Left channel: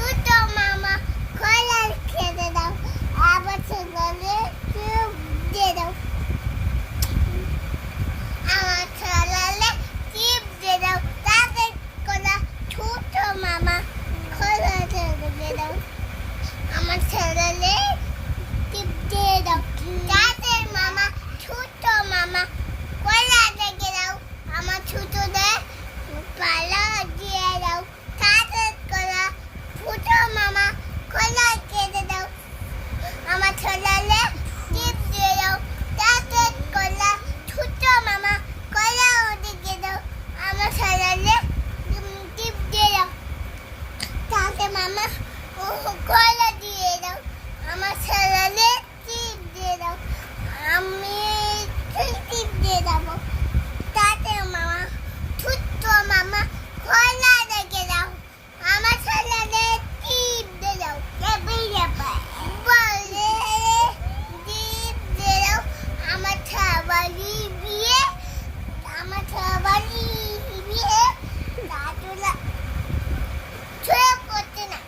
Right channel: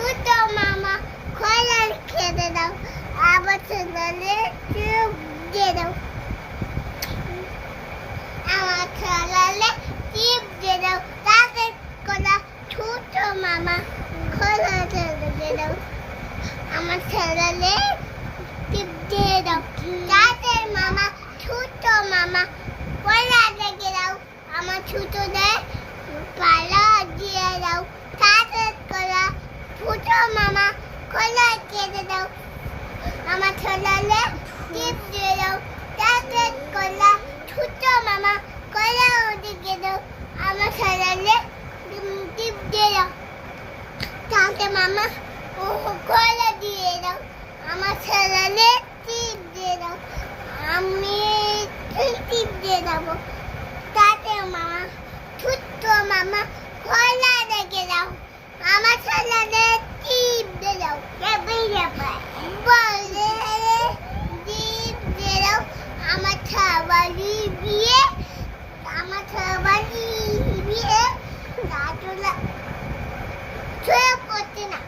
ছোট মামা কলা খেতে দাও আবার ছেলে চুপ দিয়ে দাও আমার ছেলে চিপ দিয়ে দাও তাদের কলা ছোট মামা কলা খেতে দিয়ে দাও আমার ছেলে চিপ দিয়ে দাও তাদের মামা ছোট মামা কলা দিয়ে দাও আমার ছোটদের পালা দিয়ে দাও তাদের কলা ছোট মামা কলা কেটে দাও আমার ছেলে টিপ দিয়ে দাও তাদের কলা ছোট মামা কলা ওদিকে দাও আমার ছেলে টিপ দিয়ে দাও তাদের মামা কলা দিয়ে দাও আমার ছেলে টিপ দিয়ে দাও আমি টিপ দিয়ে দেবো তাদের মামা ছোট মামা কলা রেখে দাও আমার ছেলে টিপ দিয়ে দাও বলে টিপ দিয়ে দাও আমার ছাবাড়ি বিয়ে দাদুলা ছুঁয়ে করছে না